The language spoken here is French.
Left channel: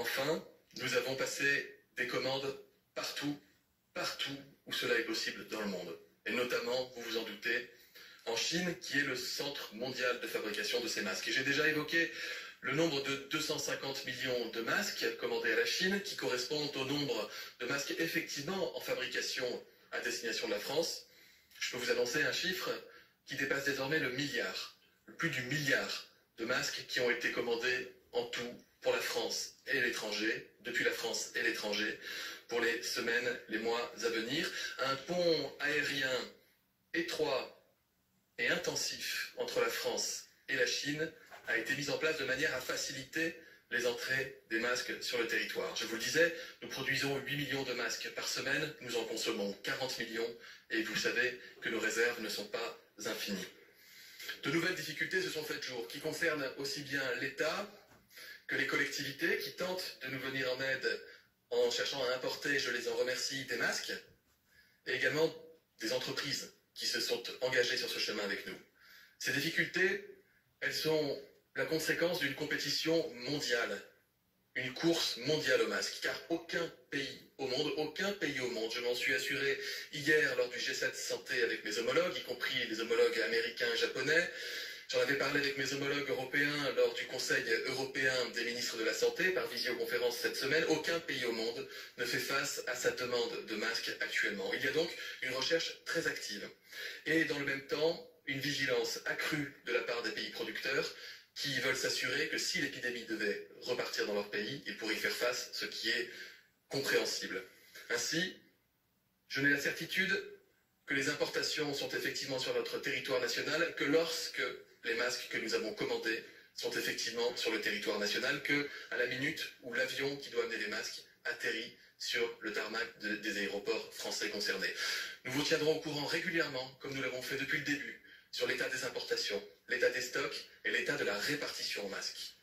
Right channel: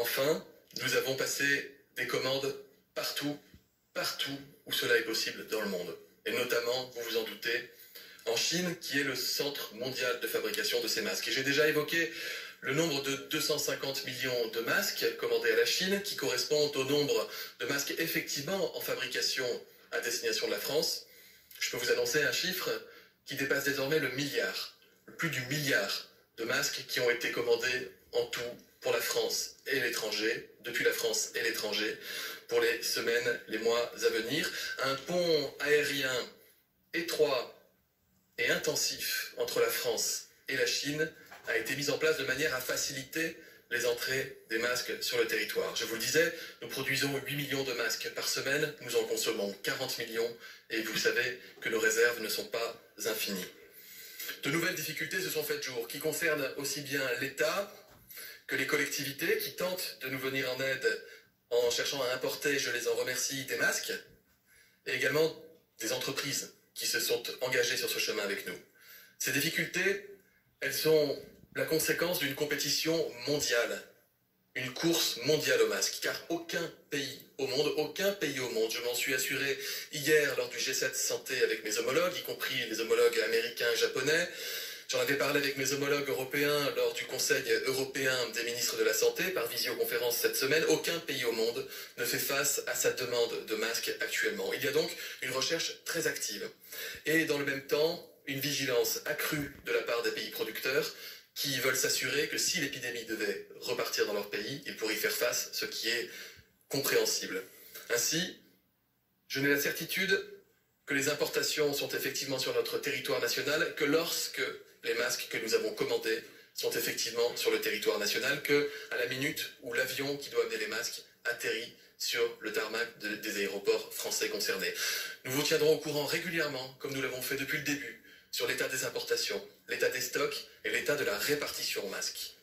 Enfin, nous avons passé des commandes partout où cela est possible dans le monde. Et notamment, vous vous en doutez, en Chine, qui est le centre mondial de fabrication de ces masques. Et j'ai déjà évoqué le nombre de 250 millions de masques commandés à la Chine, qui correspondent au nombre de masques effectivement en fabrication à destination de la France. Je peux vous annoncer un chiffre qui dépasse désormais le milliard, plus du milliard de masques qui ont été commandés en tout pour la France et l'étranger, depuis la France et l'étranger, pour les semaines, les mois à venir. Un pont aérien étroit et intensif entre la France et la Chine a été mis en place de manière à faciliter les entrées des masques sur le territoire. Je vous le disais, nous produisons 8 millions de masques par semaine, nous en consommons 40 millions et vous savez que nos réserves ne sont pas infinies. De nouvelles difficultés se sont faites jour, qui concernent aussi bien l'État que les collectivités qui tentent de nous venir en aide en cherchant à importer, je les en remercie, des masques, et également des entreprises qui se sont engagées sur ce chemin avec nous. Ces difficultés, elles sont la conséquence d'une compétition mondiale, une course mondiale aux masques, car aucun pays au monde, je m'en suis assuré hier lors du G7 Santé avec mes homologues, y compris les homologues américains et japonais, j'en avais parlé avec mes homologues européens lors du Conseil européen des ministres de la Santé par visioconférence cette semaine. Aucun pays au monde ne fait face à cette demande de masques actuellement. Il y a donc une recherche très active et dans le même temps une vigilance accrue de la part des pays producteurs qui veulent s'assurer que si l'épidémie devait repartir dans leur pays, ils pourraient y faire face, ce qui est compréhensible. Ainsi, je n'ai la certitude que les importations sont effectivement sur notre territoire national que lorsque les masques que nous avons commandés sont effectivement sur le territoire national, que à la minute où l'avion qui doit amener les masques atterrit sur le tarmac des aéroports français concernés. Nous vous tiendrons au courant régulièrement, comme nous l'avons fait depuis le début, sur l'état des importations, l'état des stocks et l'état de la répartition aux masques.